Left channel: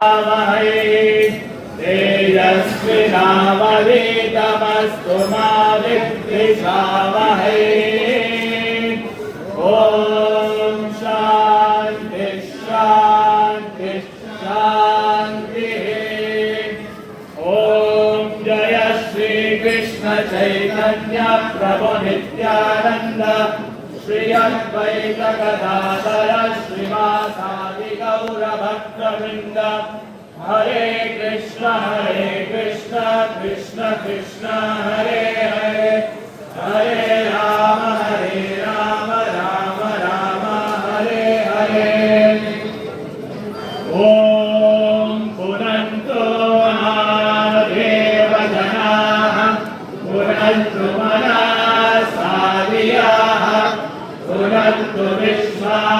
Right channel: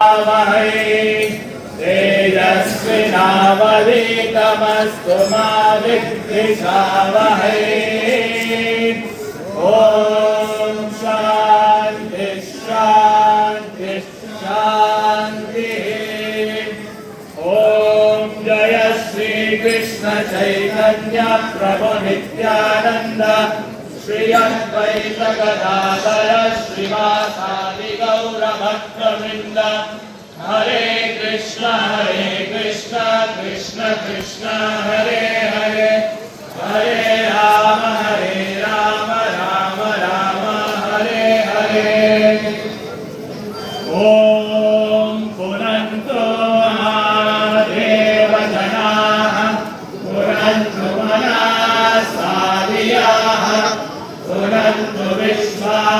तेजस्विनावधीतमस्तु मा विद्विषावहै। ॐ शान्ति शान्ति शान्तिः। ॐ जय श्री कृष्ण चैतन्य प्रभु नित्यानंद श्री अद्वैत गदाधर श्रीवासादि गौर भक्तवृंद। हरे कृष्ण कृष्ण कृष्ण हरे हरे, हरे राम राम राम हरे हरे। ओम पुनन्तो महादेवजनाः पुनन्तु मनसादियाः पुनन्तु विश्वाभूतानि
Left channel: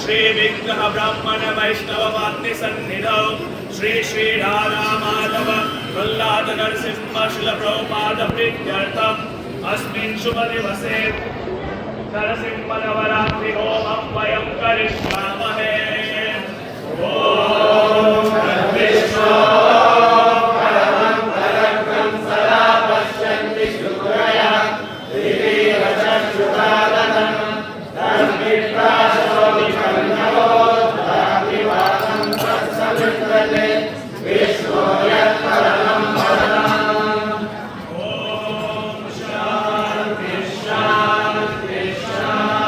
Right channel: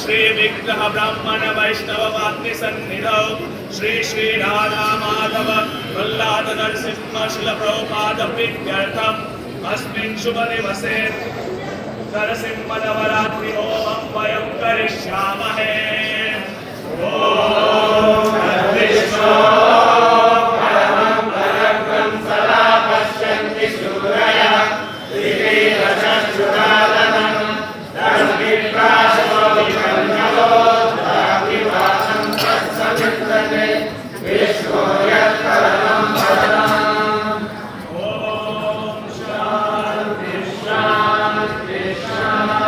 श्री विग्रह ब्राह्मण वैष्णव वाग्नि सन्निधौ श्री श्री राधा माधव प्रह्लाद नरसिंह शिल प्रभुपाद प्रीत्यर्थम अस्मिन् शुभ दिवसे नरसिंह नवरात्रि होमं वयं करिष्यामहे। ओम विष्णु परमं परमं सदा पश्यन्ति सूरयः दिवीरचक्षुरादनं तद्विप्राशो विषण्णवो द्वाविवासं तत्सवित्रते विष्णो यत्परमं पदम्। ओम शान्ति शान्ति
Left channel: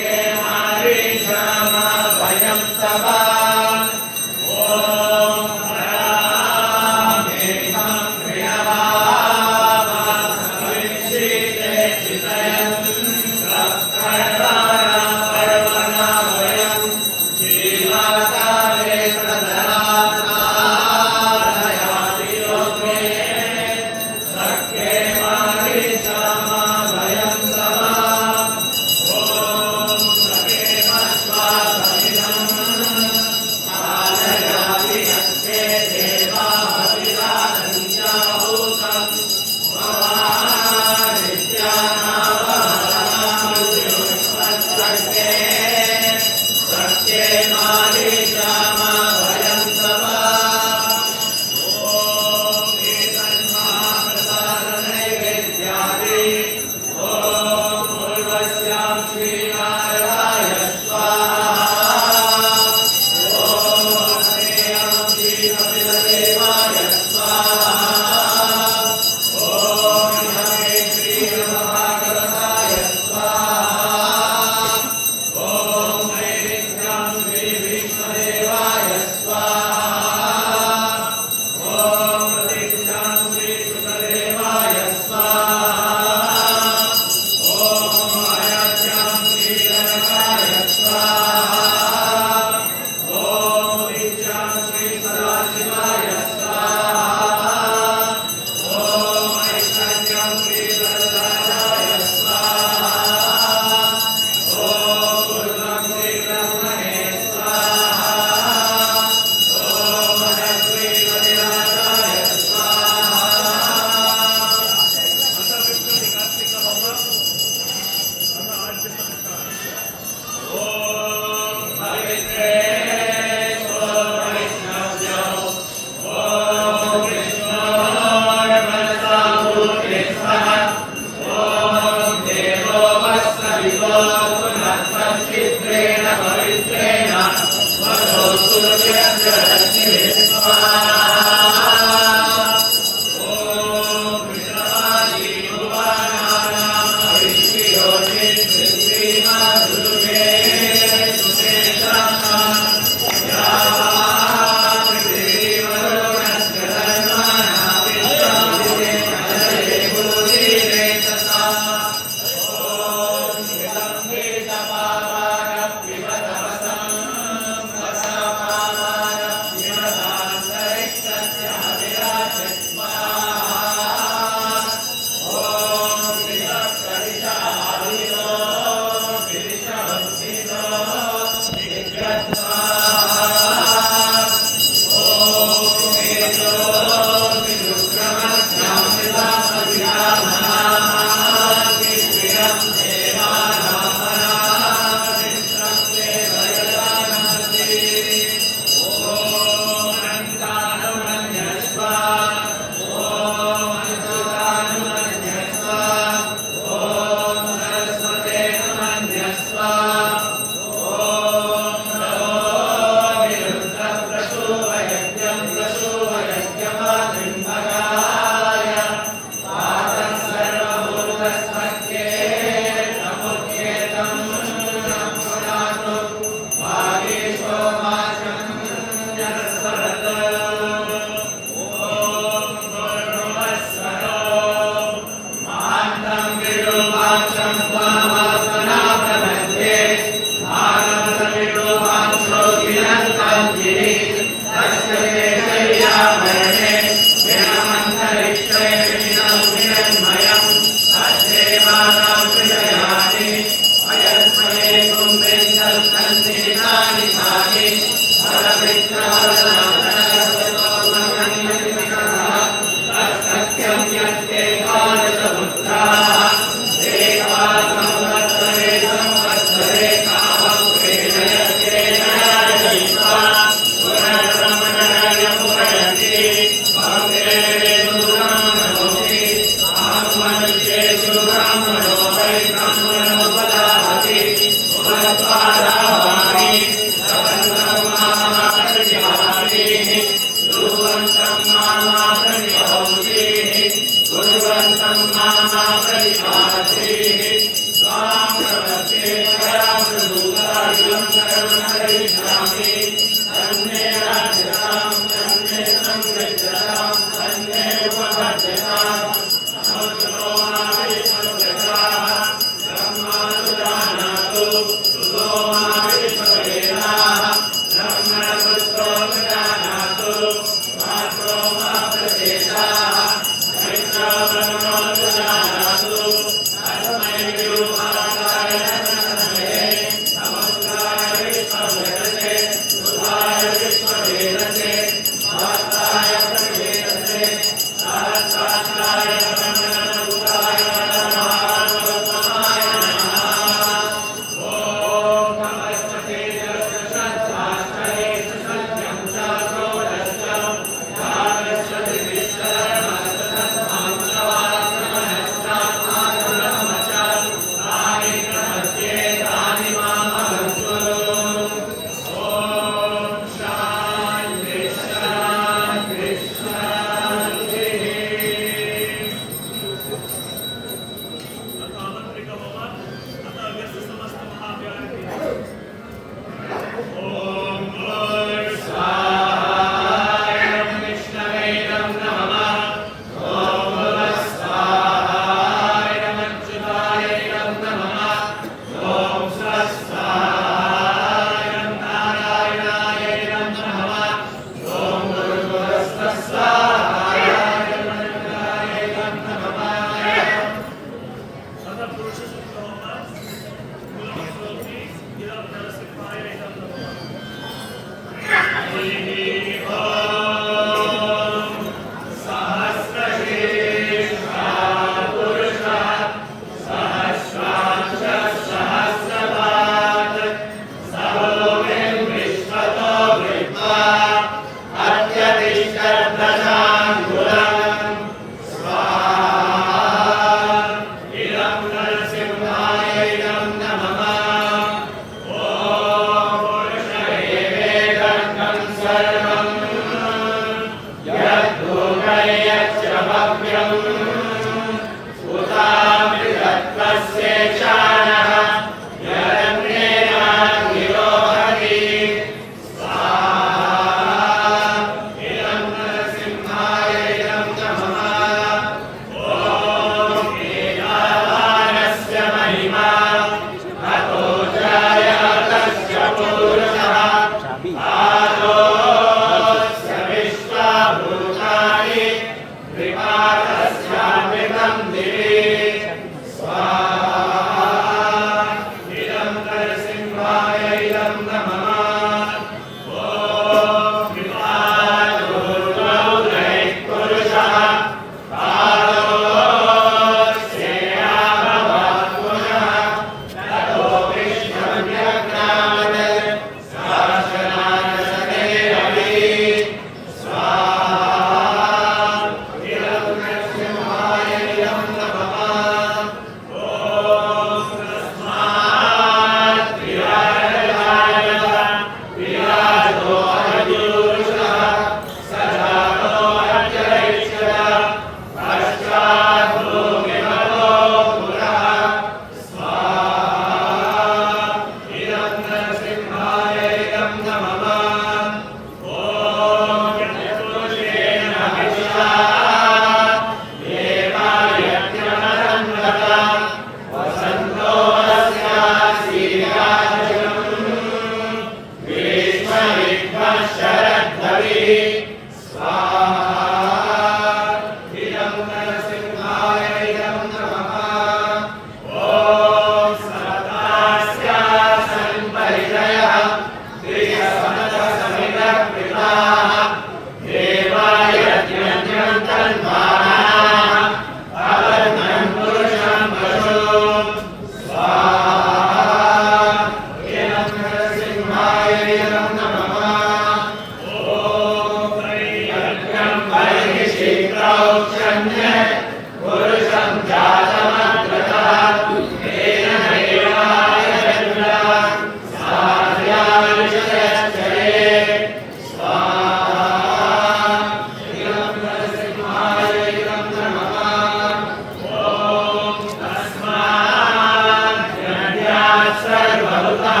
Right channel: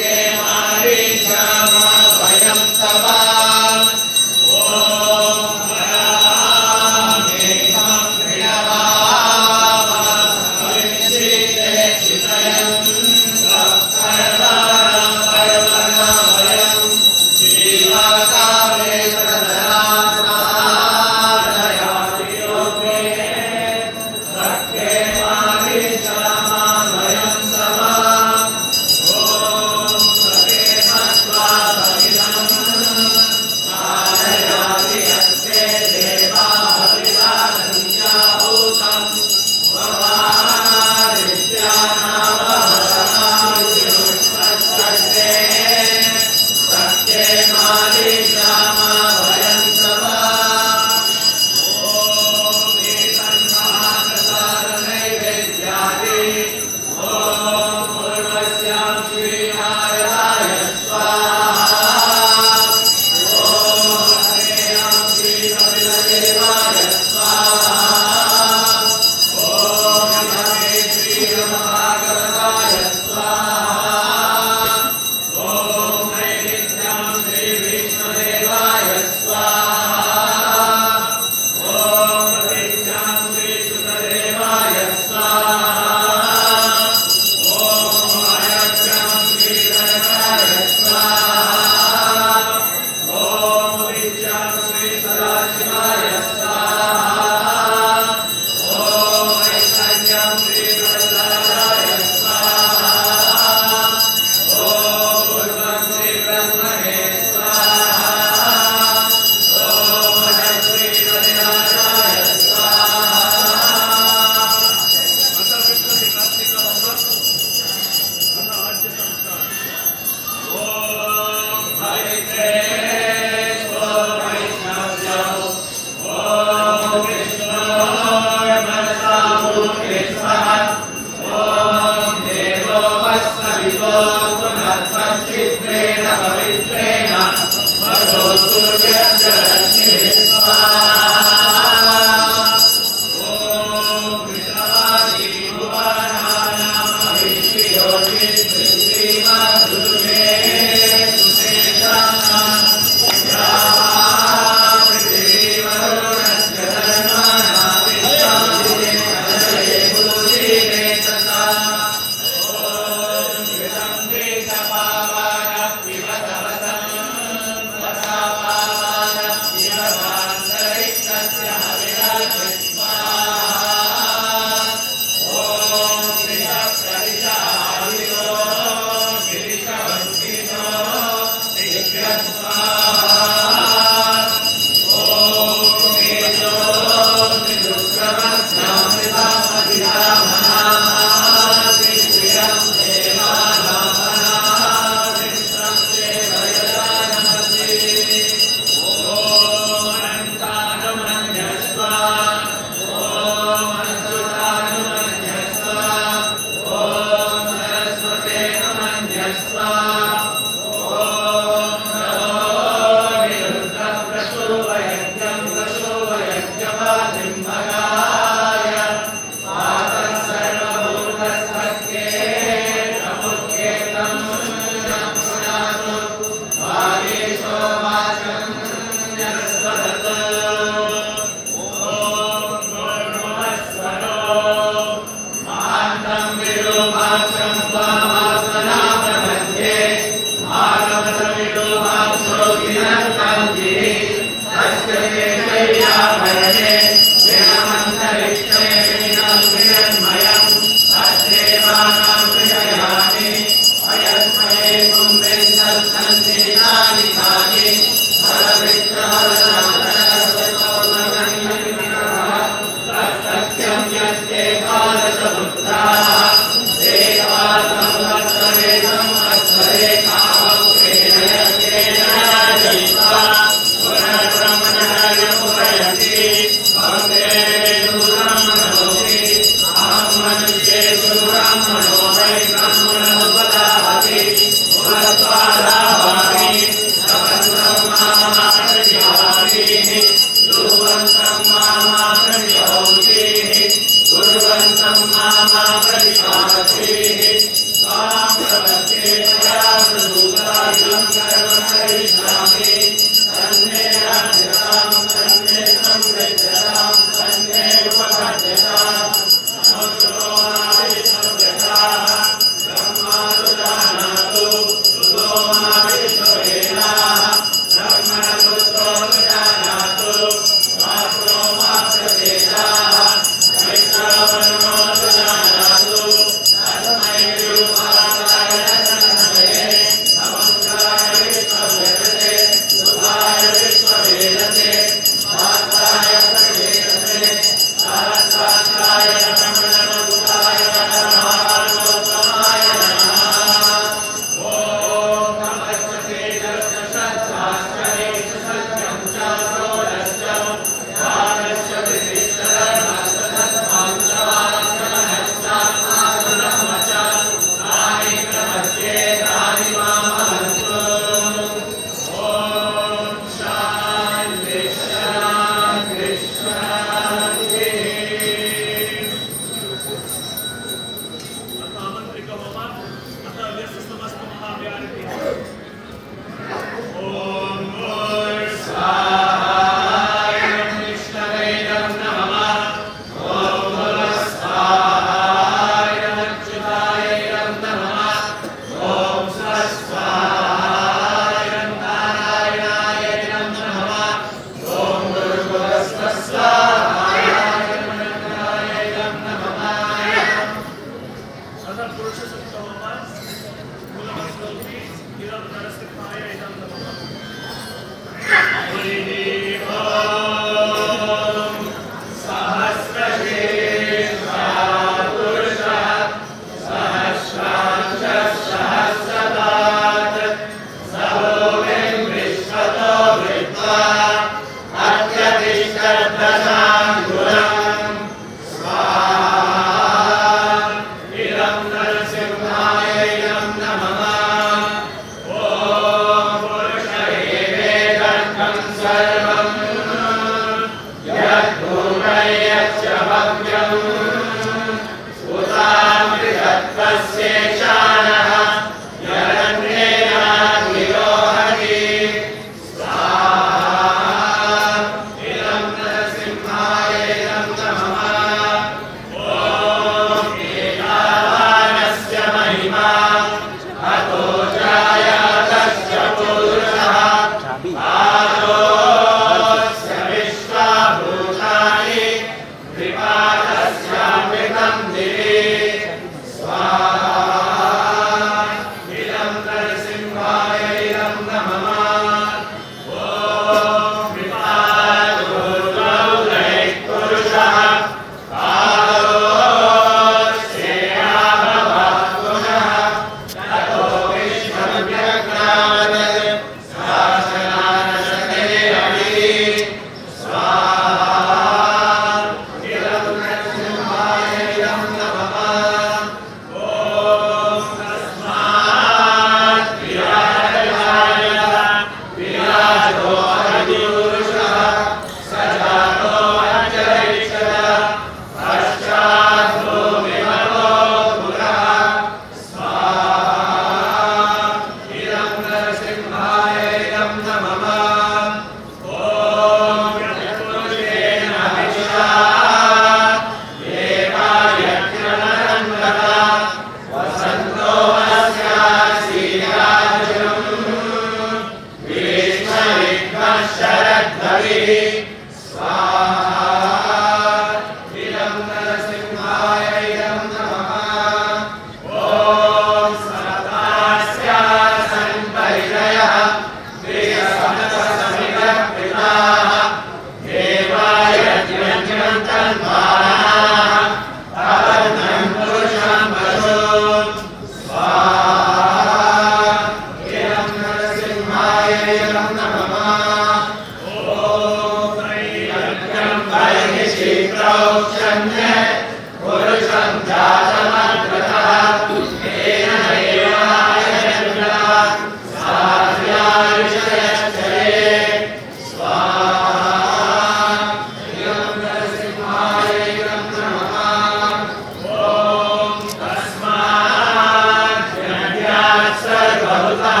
भवतः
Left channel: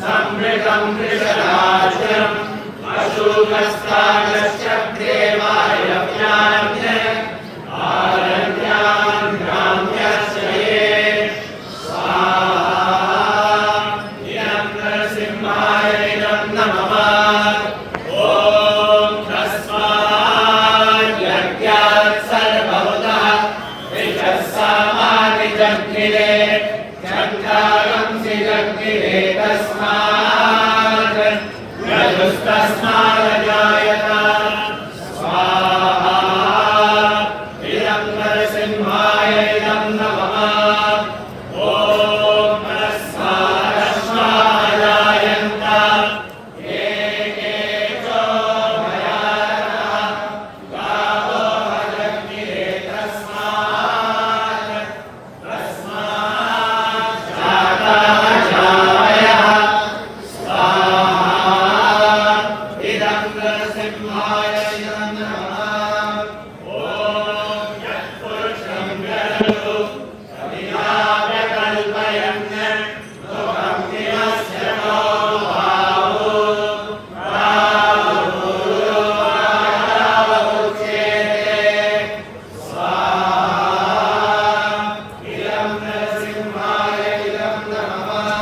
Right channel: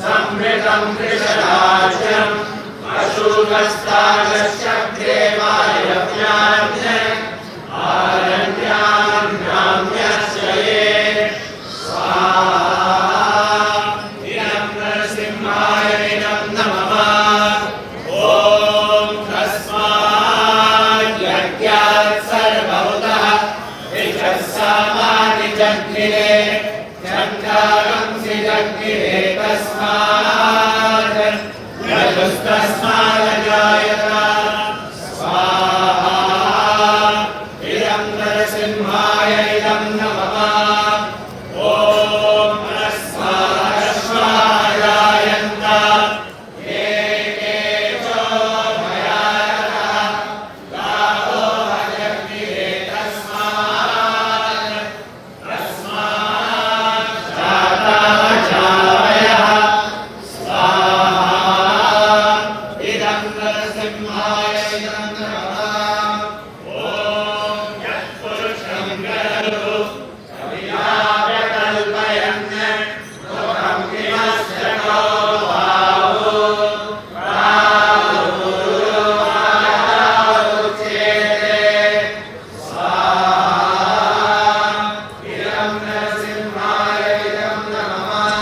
समृतं कृशराज्यम् अशुभस्तागस्य देवायव्यान्य आरण्यान् ग्राम्यस्य ये स्वाहा इदं नरसिंहाय नमः ॐ तस्मात् यज्ञात् सर्वभूतः यजस्सामानि जग्निरे चन्द्रांसि जग्निरे तस्मात् यजुस्तस्मादजायत स्वाहा इदं नरसिंहाय इदं नमः ॐ तस्मादश्वाजायन्त ये केशो भयानः गावो हजग्निरे तस्मात् जातः जावयः नरसिंहाय नमः ॐ यत्पुरुषं विदधतु कवियाकल्पयन् मुखं किमस्य को बाहुरुवाचेते स्वाहा इदं नरसिंहाय इदं नमः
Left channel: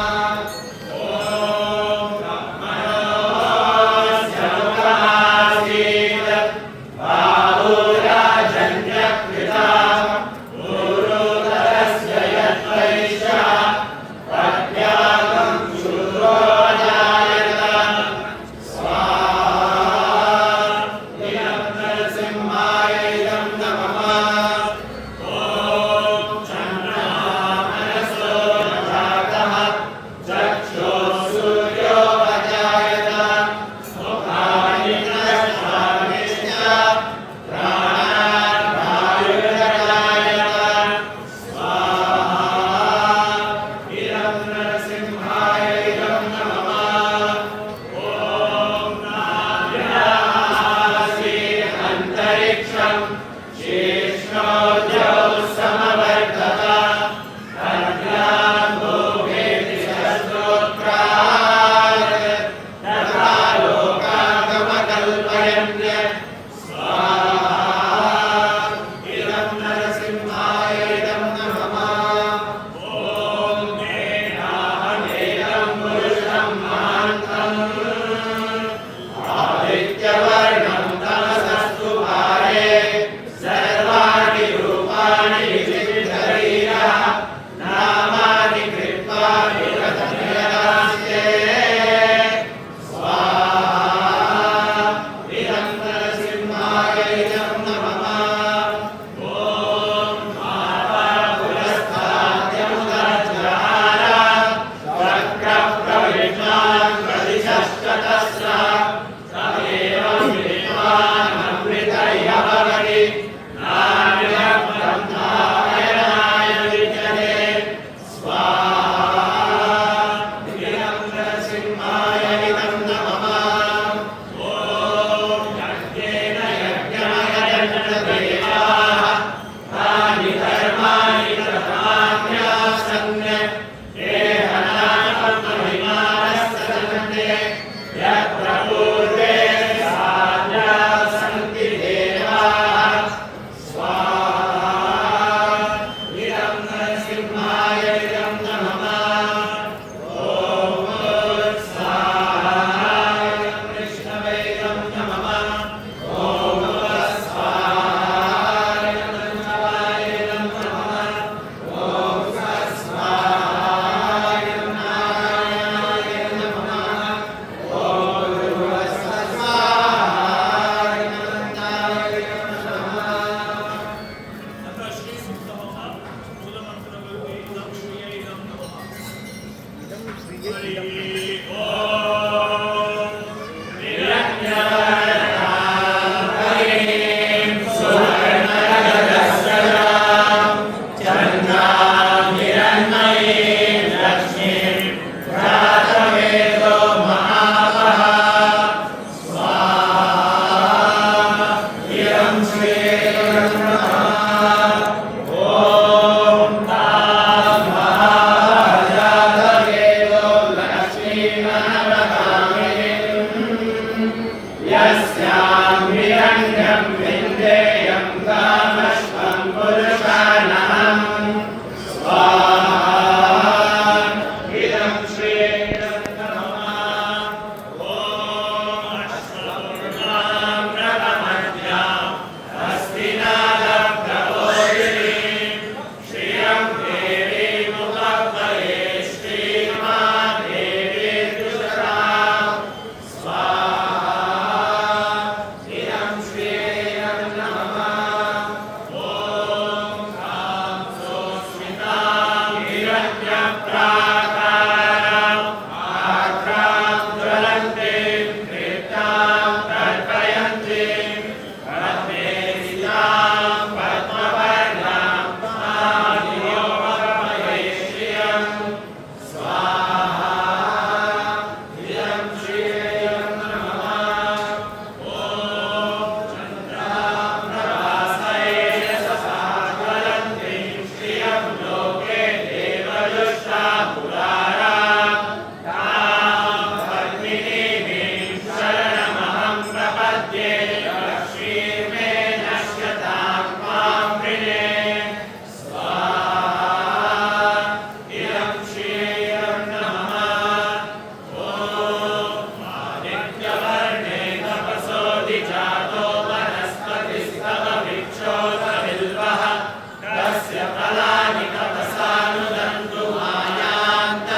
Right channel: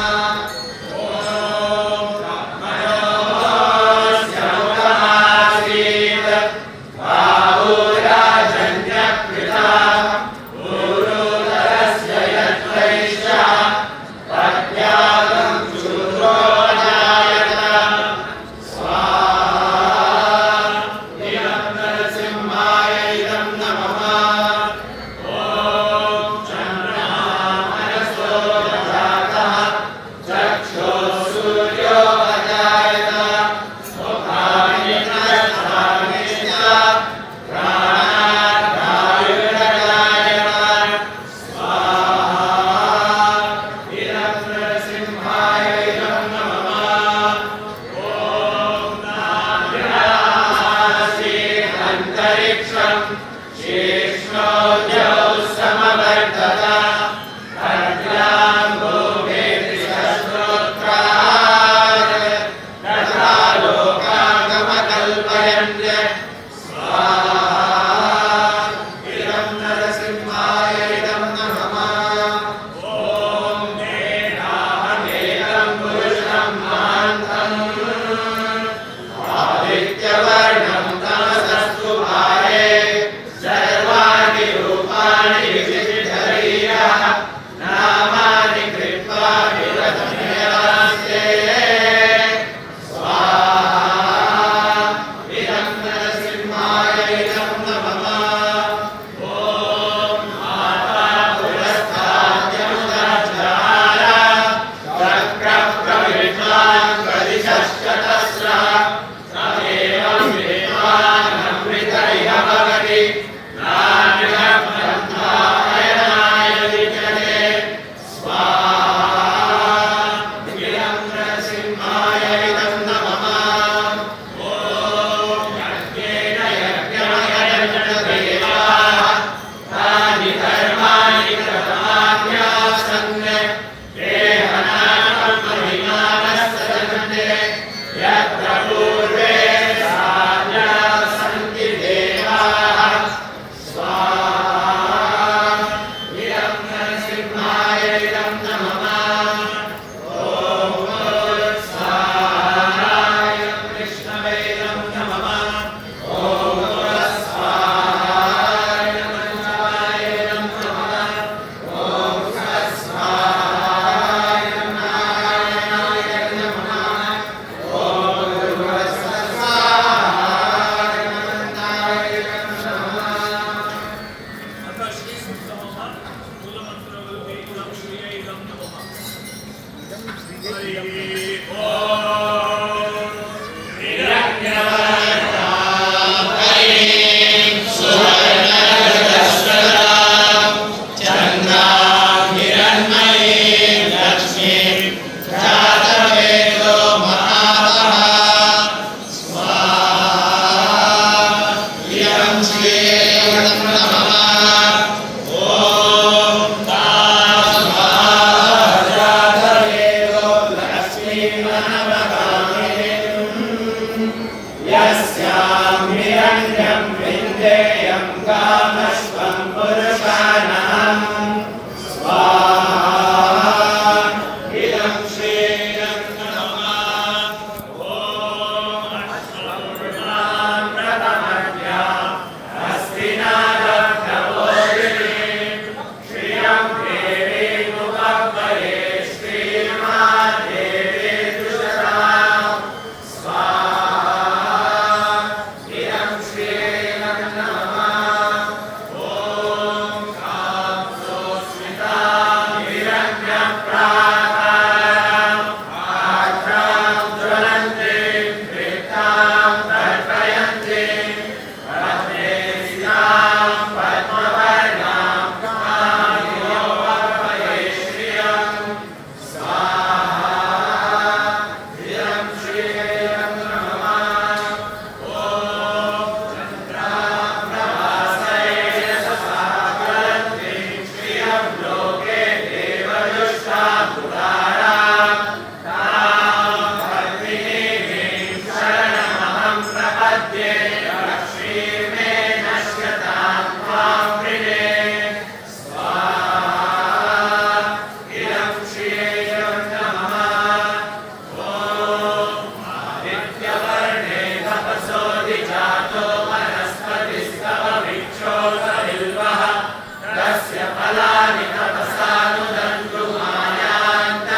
सकलानि तपसानुदन्तु मायान्तरायाश्च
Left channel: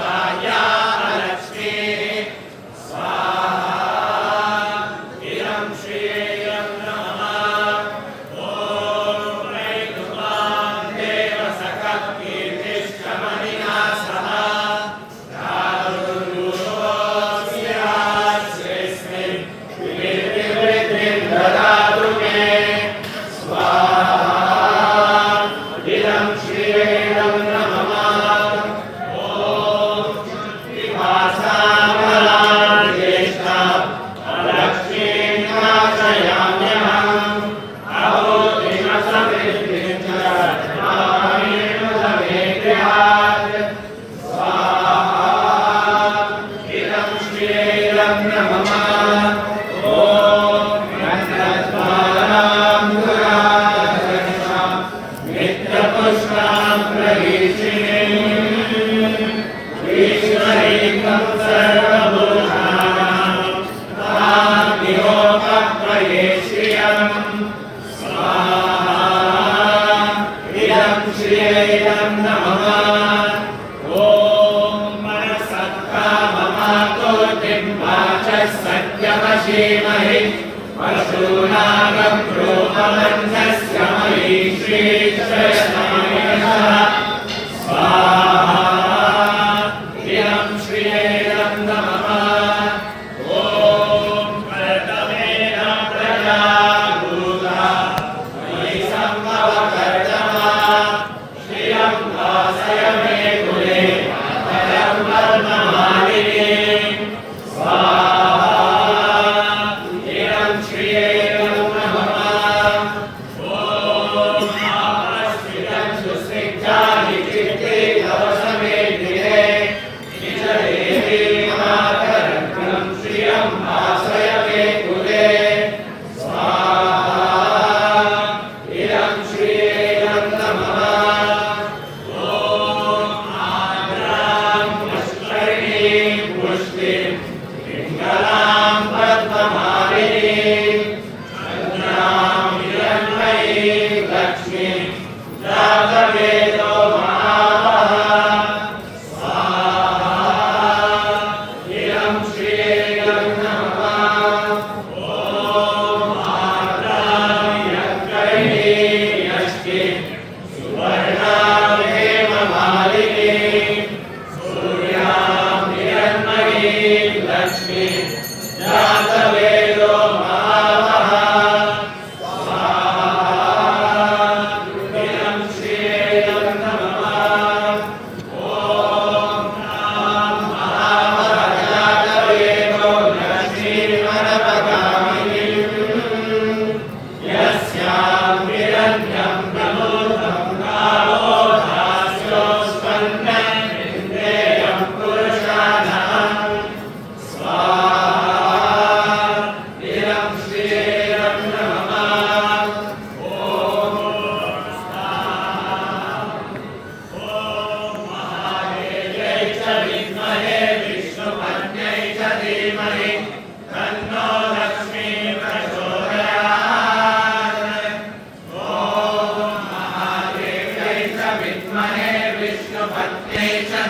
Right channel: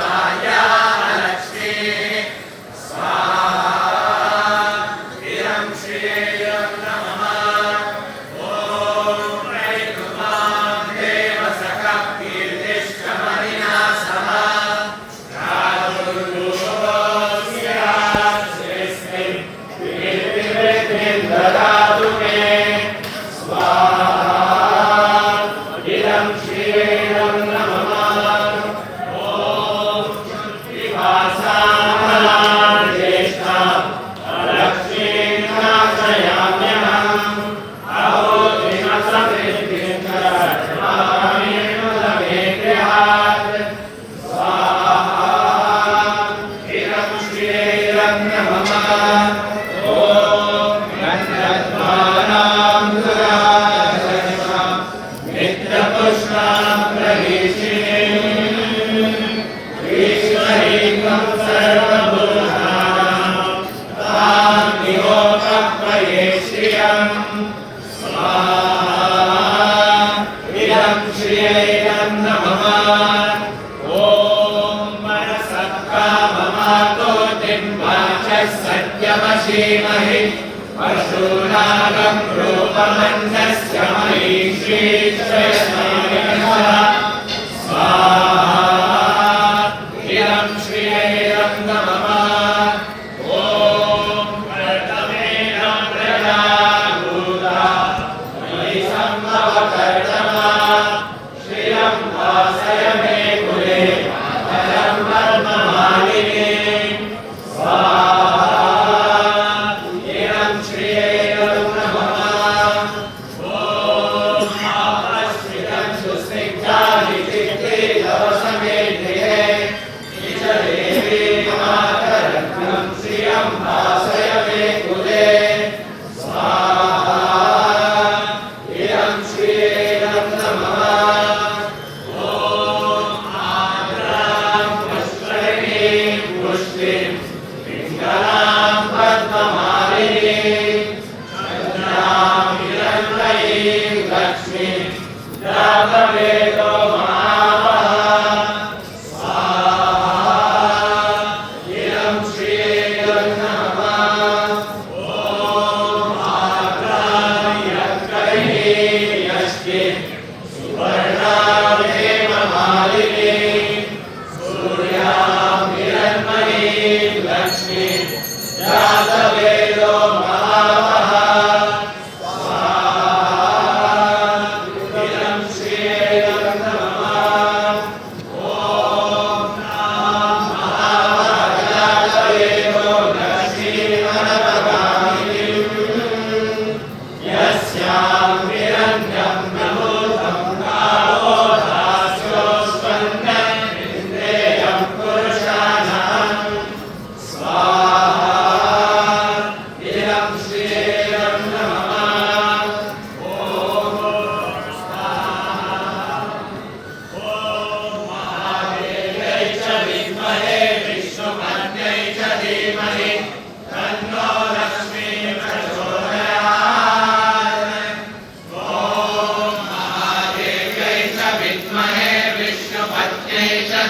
बाह्यालक्ष्मीः स्वाहा इदं श्रियं नमः ॐ प्रैकुमां देवसखः कीर्तिश्च मणिना सह ददातु मे स्वाहा इदं श्रीरं नमः ॐ विभासामलां ज्येष्ठां लक्ष्मीं नाशयाम्यहम् अहोतिमसमिद्धिं च मामेव गृहात् स्वाहा इदं श्रीरं नमः पुष्पां प्रवेशिनीं ईश्वरीं सर्वभूतानां तां निहोपप्रवेश्यम् स्वाहा इदं श्रीरं नमः ॐ मनसत्काममाकोटिं वाचः सत्यवशीमहि पशूनागं रूपमन्यस्य महीषीश्वरनायः स्वाहा इदं श्रीरं नमः ॐ कर्तमेन प्रजा भूता मयि सम्भवकर्तमा श्रियं वासय मे कुले परं पद्ममालिनीं स्वाहा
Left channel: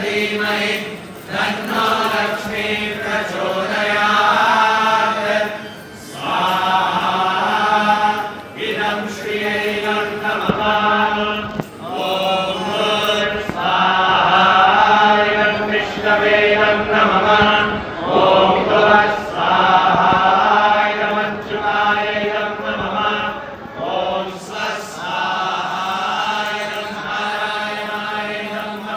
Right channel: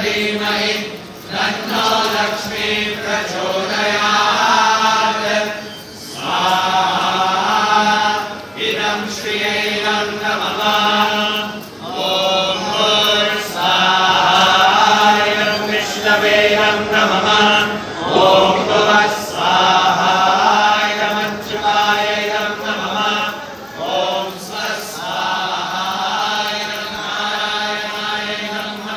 धीमहि तन्नो लक्ष्मी प्रचोदयात् स्वाहा इदं श्रियं नमः ॐ स्वाहाय विष्णवे नमः ॐ स्वाहाय मंजुलाय नमः ॐ स्वस्वाहाय नारायणाय नमः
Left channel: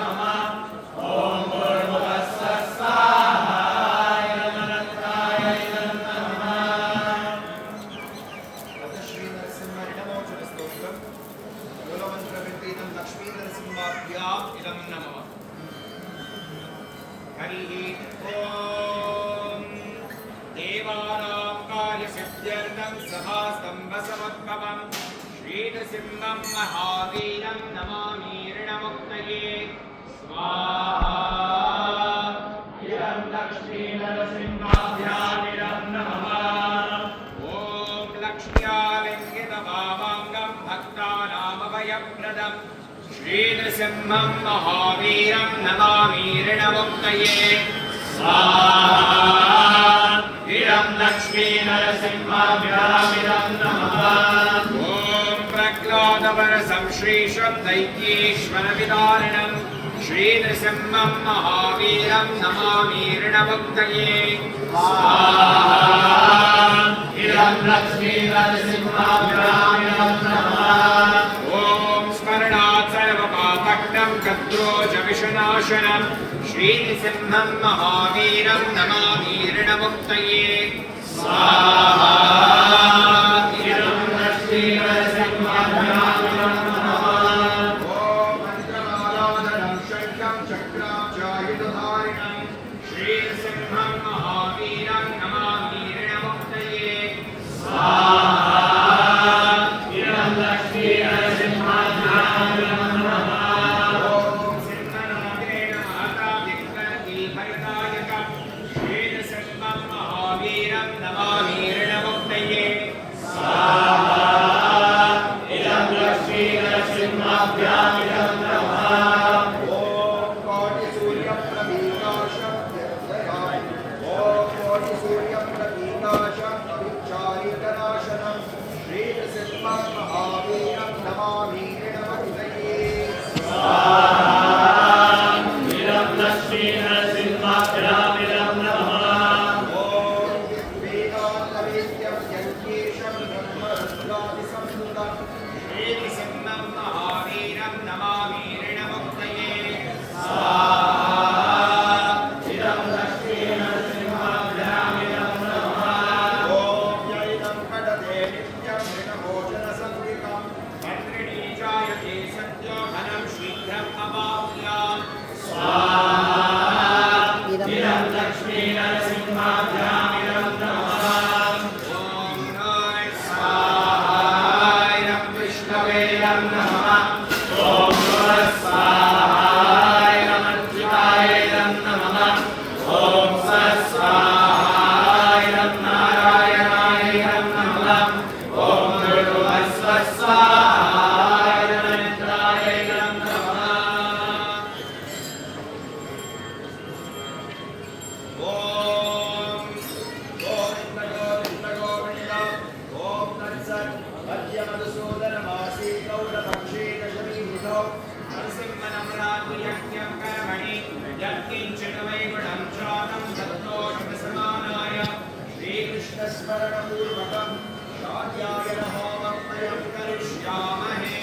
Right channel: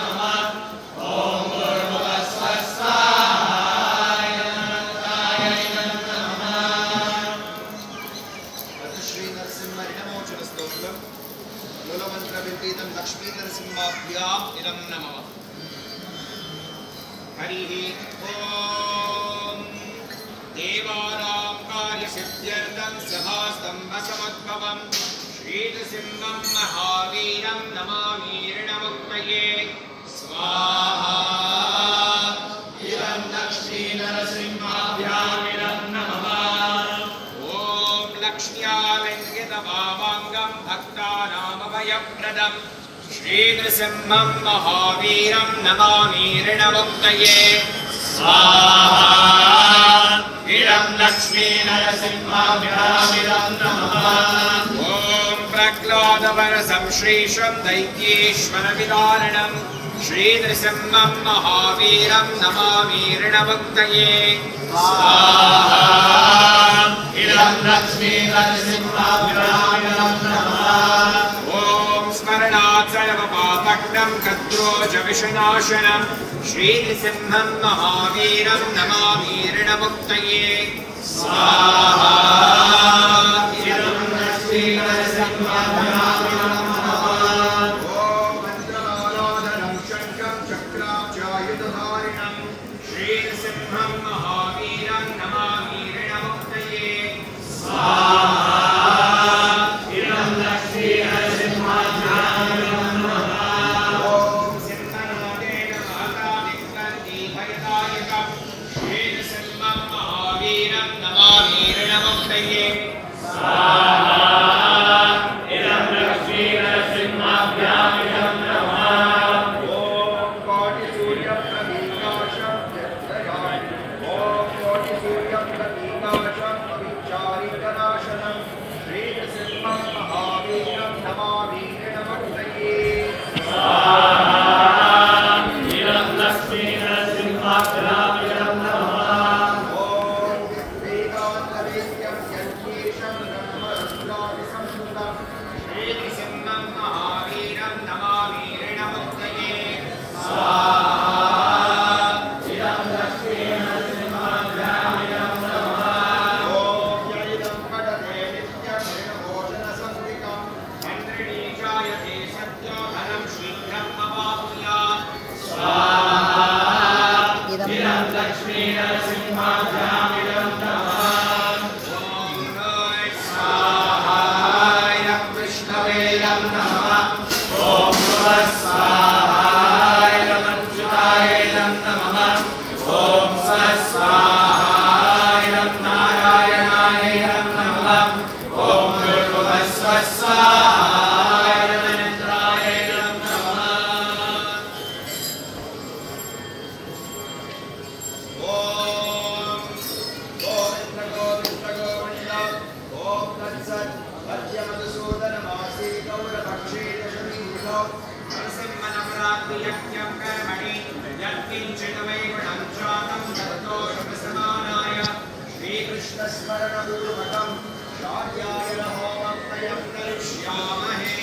लक्ष्मी नरसिंहाभ्याम् इदं नमः हरिः ॐ देवानां कार्यसिद्ध्यर्थं सभास्तम्भसमुद्भवं श्रीनृसिंहं महावीरं नमामि ऋणमुक्तये स्वाहा इदं लक्ष्मी नरसिंहाभ्याम् इदं नमः ॐ लक्ष्म्यालङ्कृतवामाङ्गं भक्तानामभय प्रदम् श्रीनृसिंहं महावीरं नमामि ऋणमुक्तये स्वाहा इदं लक्ष्मी नरसिंहाभ्यामिदं नमः ॐ प्रह्लादवरसं श्रीशं दैत्येश्वरविदारणं श्रीनृसिंहं महावीरं नमामि ऋणमुक्तये स्वाहा इदं लक्ष्मी नरसिंहाभ्यामिदं नमः ॐ स्मरणात् सर्वपापघ्नं कत्रोजविषनाशनं श्रीनृसिंहं महावीरं नमामि ऋणमुक्तये स्वाहा इदं लक्ष्मी नरसिंहाभ्यामिदं नमः ॐ मन्त्रमाराधनं शङ्खं चक्रां चायुधधारिणं श्रीनृसिंहं महावीरं नमामि ऋणमुक्तये स्वाहा इदं लक्ष्मी नरसिंहाभ्यामिदं नमः ॐ सिंहनादेन माता विक्रन्ति भरतायकं श्रीनृसिंहं महावीरं नमामि ऋणमुक्तये स्वाहा इदं लक्ष्मी नरसिंहाभ्यामिदं नमः ॐ कोटिसूर्यप्रदीकाशं जयजयाय ॐ कोटिसूर्यप्रदीकाशं विचारिकनाशनं श्रीनृसिंहं महावीरं नमामि ऋणमुक्तये स्वाहा इदं लक्ष्मी नरसिंहाभ्यामिदं नमः ॐ वेदान्तवेद्यं यज्ञेशं ब्रह्मरुद्रादिसंस्कृतं श्रीनृसिंहं महावीरं नमामि ऋणमुक्तये स्वाहा इदं लक्ष्मी नरसिंहाभ्यामिदं नमः ॐ जयिदं कडते नित्यं ऋणमोचनसंज्ञितं मन्त्रिणी जायते सत्याभरं शीघ्रम् अवाप्नुयात् स्वाहा इदं लक्ष्मी नरसिंहाभ्यामिदं नमः ॐ नमः स्वाहाय विष्णवे नमः ॐ नमः स्वाहाय नमः नमः ॐ स्वाहाय नारायणाय नमः ॐ स्वाहाय नमः श्रीकृष्णस्मरणं पूर्वकं शार्यायन होमं वयं करिष्यामहे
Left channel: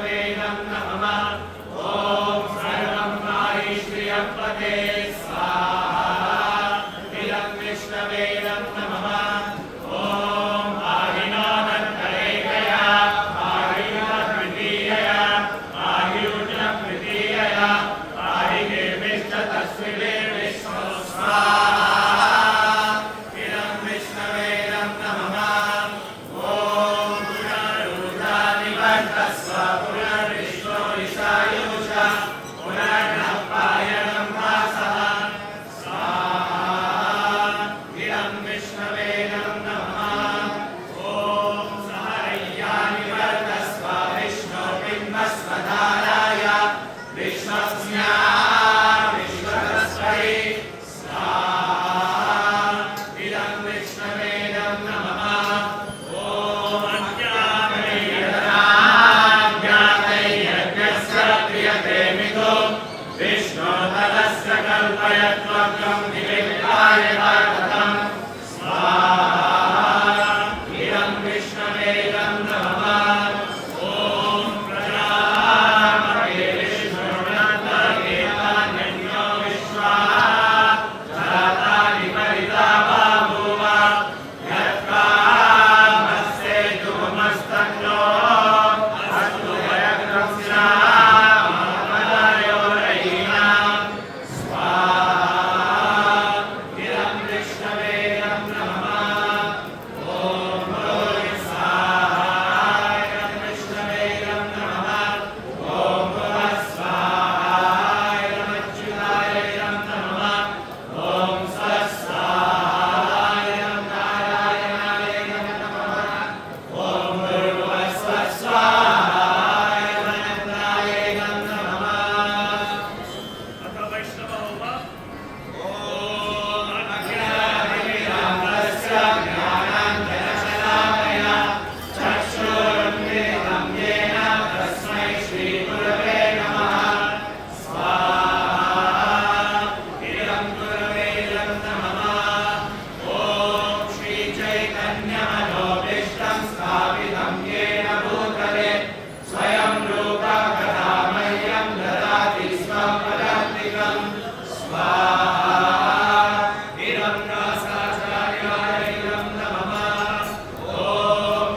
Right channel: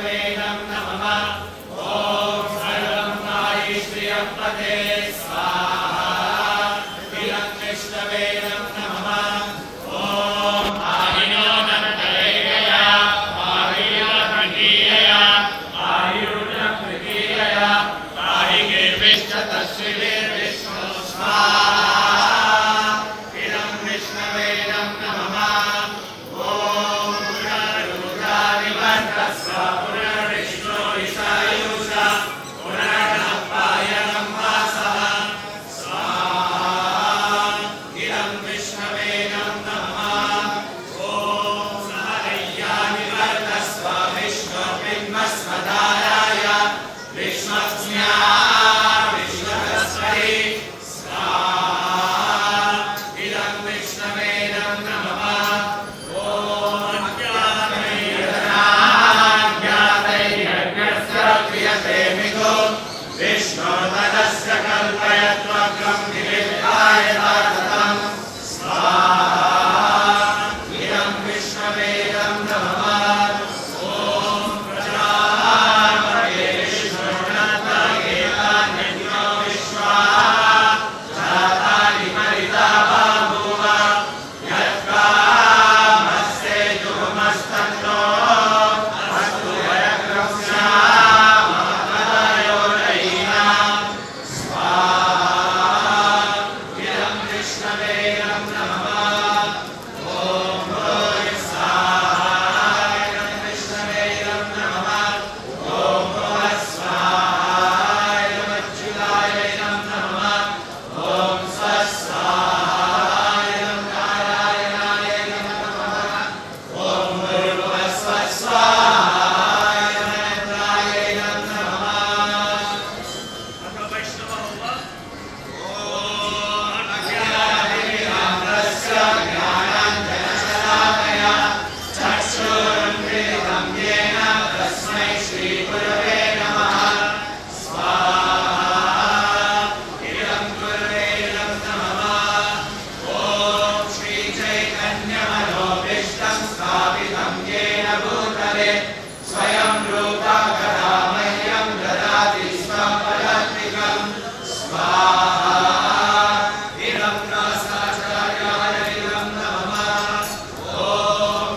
विष्णवे नमः ॐ सर्वं श्रियपते स्वाहा इदं विष्णवे नमः ॐ आहिनोनन्तरैकया आहिनोद्वितीयया आयुर्यकृतीयया आहिर्विष्णतश्रीर्विष्णु स्वाहा इदं विष्णवे नमः ॐ पुनरुद्रादिवर्तस्व पुनर्विष्णो ईशायुष पुनर्नपाय वासः स्वाहा इदं विष्णवे नमः ॐ सहरय्यानिवर्तस्व विष्णुबिम्बस्वधाराय विष्णुज्ञा विष्णुतस्मै स्वाहा इदं विष्णवे नमः ॐ ज्ञातैर्यज्ञस्य क्रियते मिथो विष्णोपदस्य कल्पयत्वकं निवेदाय तारकं स्वाहा इदं विष्णवे नमः ॐ प्रजापते विष्णुनाथगेतान्यो विश्वाः जातानि परिता बभूव यत्कामस्य धूमस्तन्नो अस्तु वयकृष्णामदयोरयीनां स्वाहा इदं विष्णवे नमः ॐ भूय स्वाहा इदं विष्णवे नमः ॐ भुवः स्वाहा इदं अच्युताय नमः ॐ स्वस्वाहा इदं नारायणाय नमः ॐ भूर्भुवः स्वस्वाहा इदं अनन्ताय नमः अज्ञानविरामस्य ज्ञानाञ्जनशलाकया चक्षुरुन्मिलितं येन तस्मै श्रीगुरवे नमः स्वाहा इदं गुरवे नमः ॐ श्रीचैतन्यमनोभीष्टं स्थापितं येन भूतले स्वयं रूपा कदा मह्यं ददाति स्वं पदान्तिकं स्वाहा इदं व्यासाचार्याय इदं नमः ॐ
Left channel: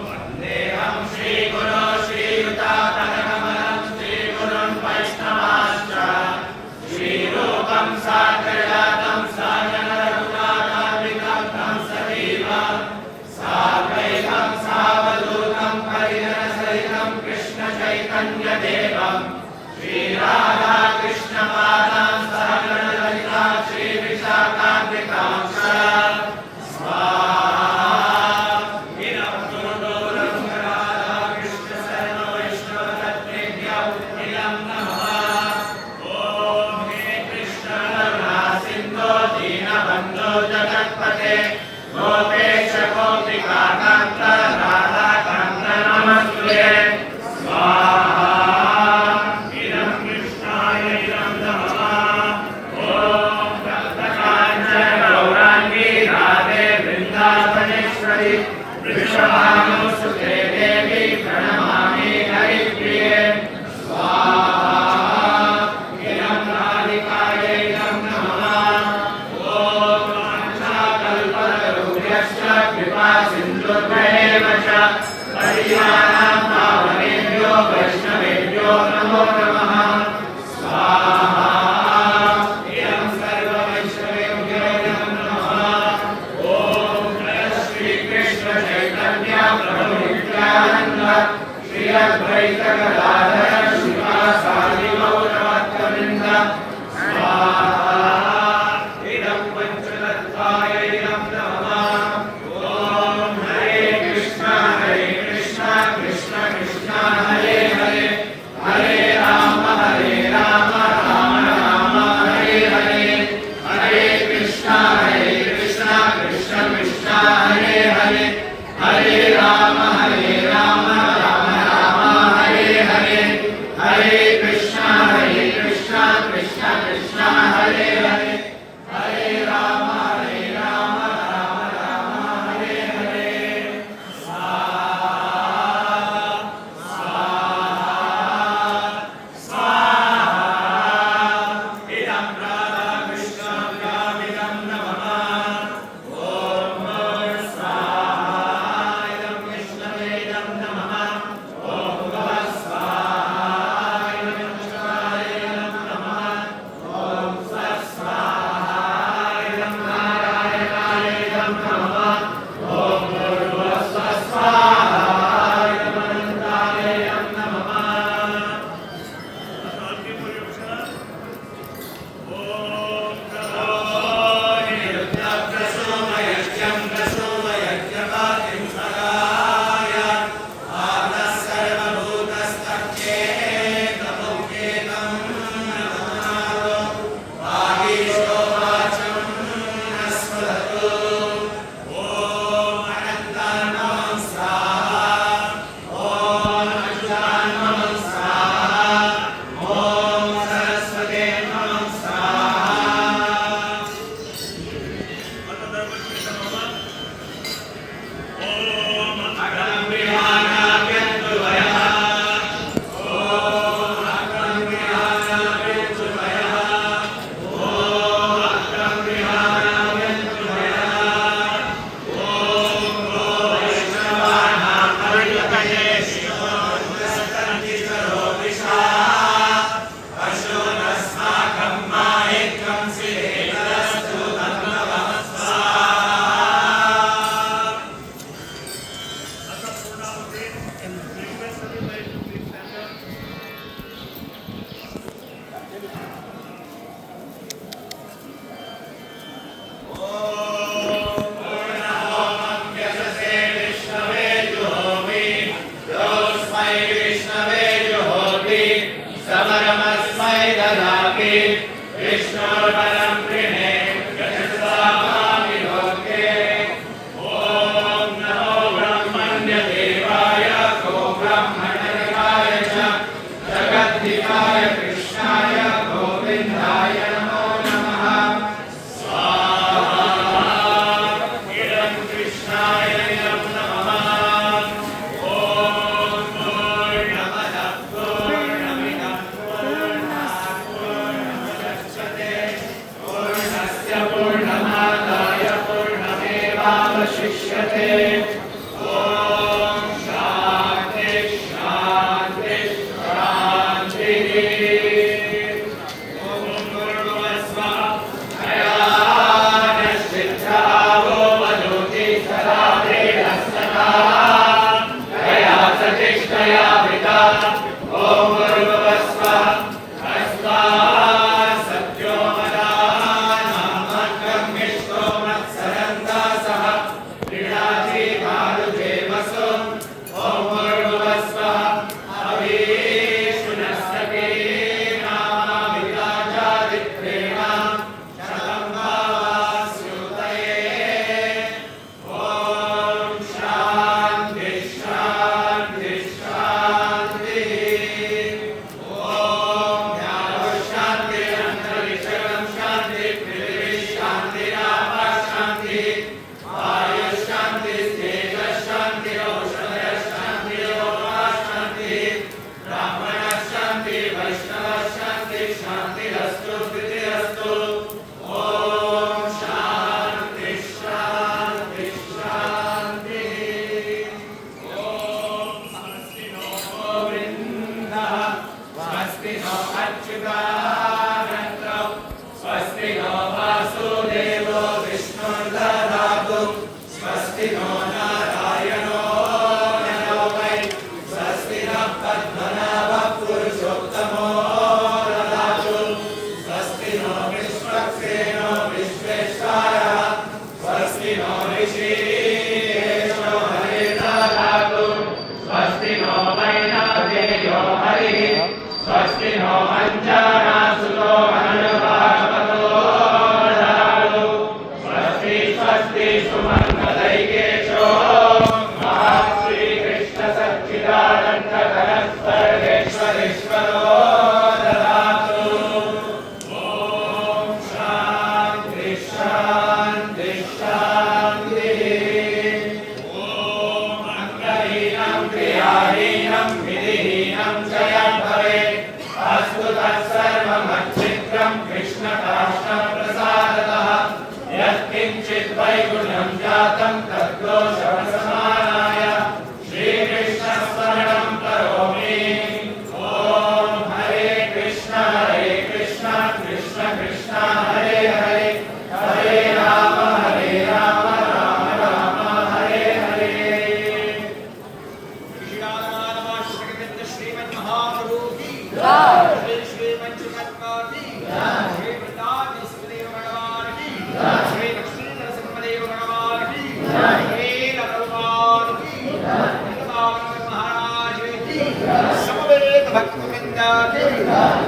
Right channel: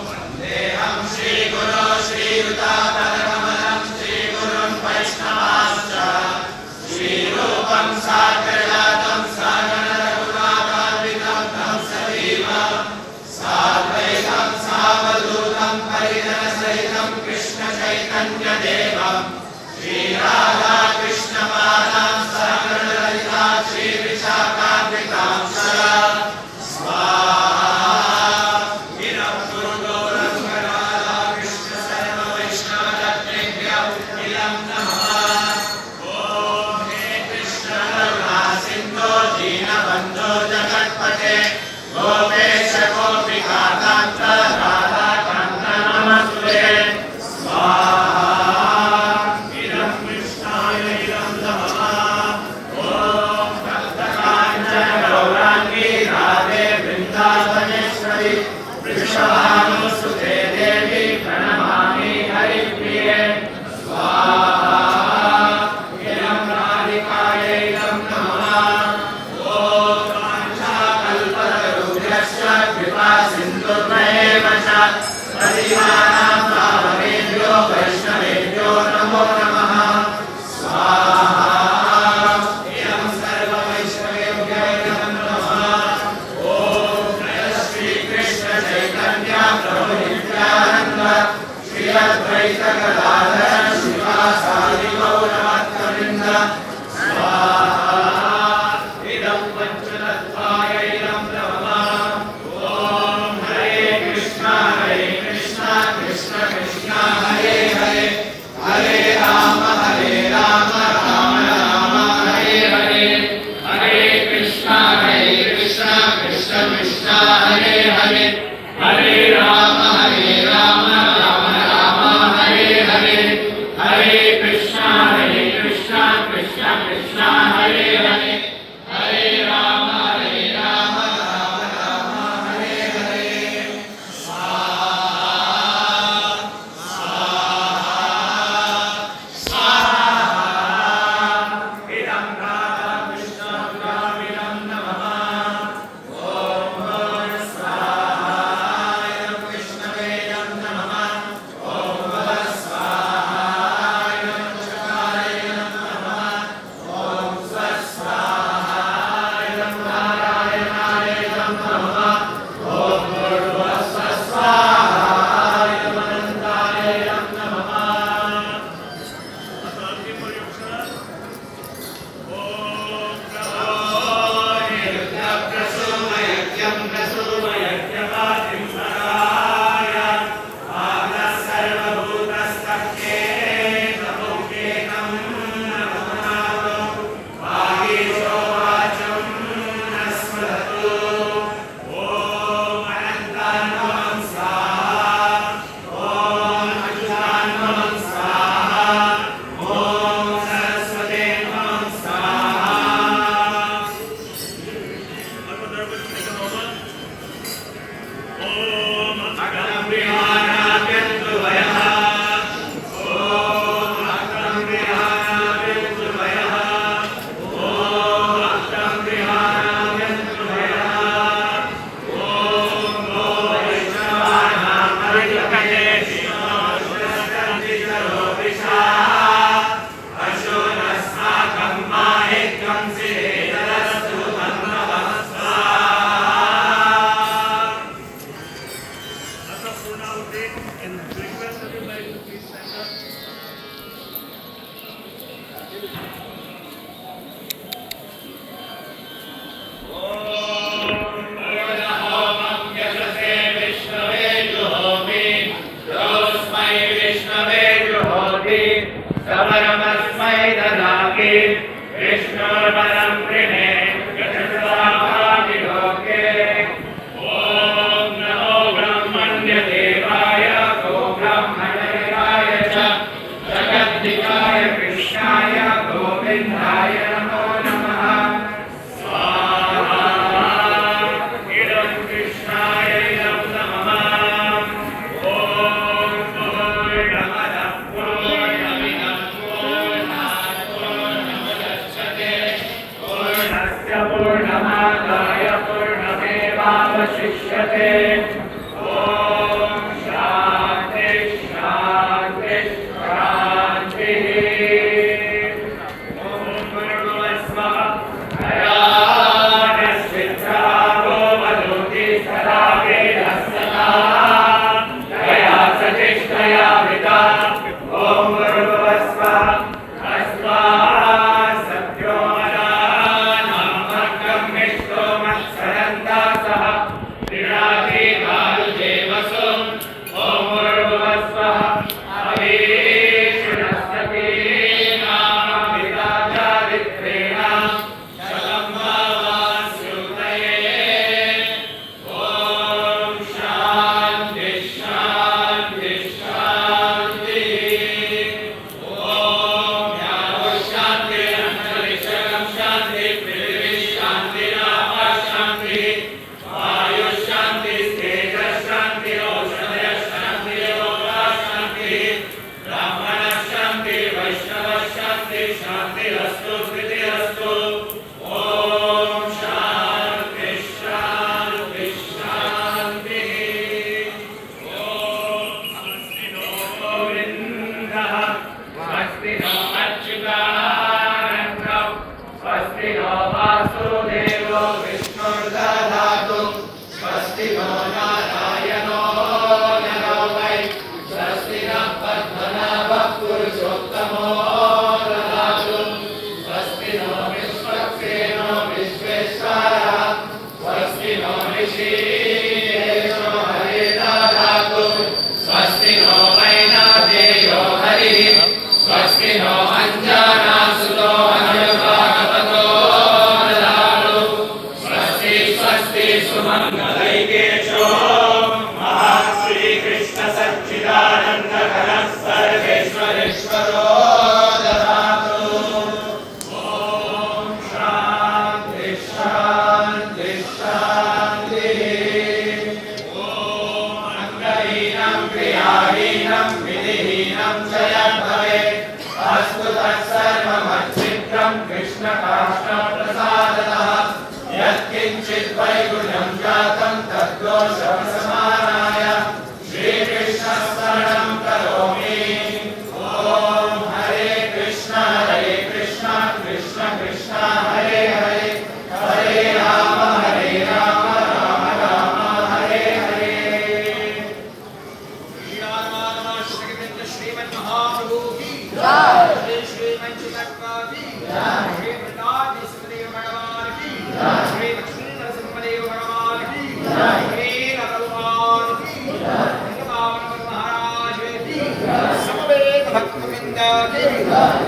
वन्देऽहं श्रीगुरो श्रीयुतापदकमलं श्रीगुरुं वैष्णवांश्च श्रीरूपं साग्रजातं सागररघुनाथान्वितं तं सजीवं साद्वैतं सावधूतं परिजनसहितं कृष्णचैतन्यदेवं श्रीराधाकृष्णपादां सहगणललिता श्रीविशाखान्वितांश्च स्वाहा इदं गुरुगोरङ्गराधाकृष्णशरणवैष्णवतत्त्वेभ्यो इदं नमः ॐ हे कृष्णकरुणा सिन्धो दीनबन्धो जगत्पते गोपेश गोपिकान्त राधाकान्त नमस्ते स्वाहा इदं कृष्णाय इदं नमः ॐ भक्तकाञ्चन गौराङ्गी राधे वृन्दावनेश्वरि वृषभानुसुते देवी प्रणमामि हरिप्रिये स्वाहा इदं राधिकाय इदं नमः ॐ वाञ्छाकल्पतरुभ्यश्च कृपा सिन्धुभ्येव च पतितानां पावनेभ्यो वैष्णवेभ्यो नमो नमः स्वाहा इदं सर्ववैष्णवेभ्यो नमः ॐ जय श्रीकृष्णचैतन्य प्रभु नित्यानन्द श्री अद्वैत गदाधर श्रीवासादि गौरभक्तवृन्द स्वाहा इदं पञ्चतत्त्वाय इदं नमः ॐ हरे कृष्ण कृष्ण कृष्ण हरे हरे हरे राम राम राम हरे हरे हरे कृष्ण कृष्ण कृष्ण हरे हरे हरे राम राम राम हरे हरे हरे कृष्ण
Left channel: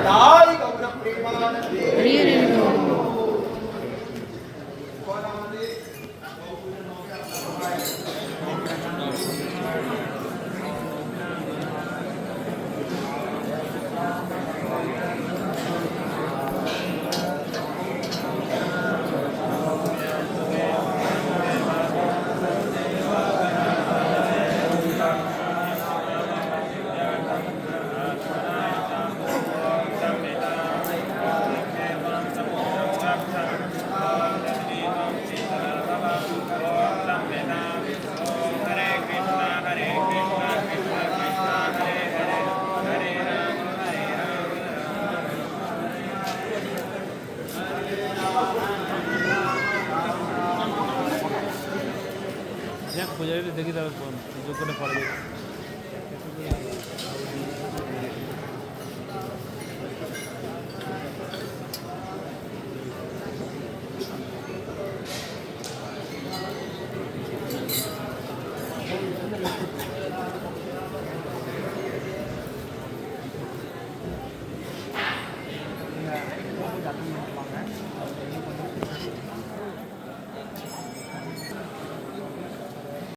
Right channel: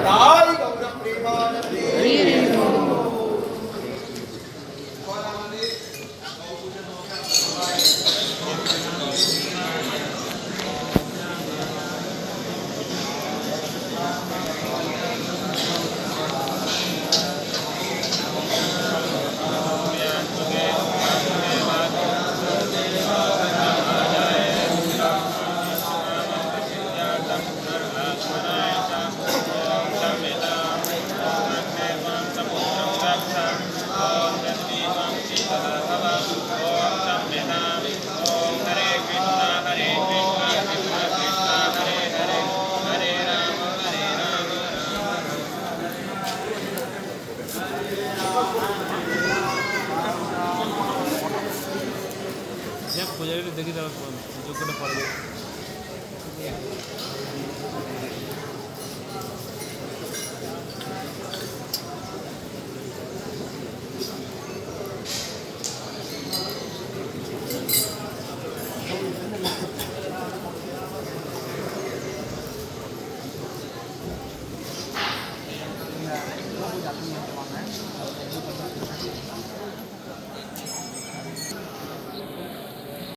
ತಾಯಿ ಗೌರ ಪ್ರೇಮಾನಂದಿ Ya, pues ya le tengo que dar con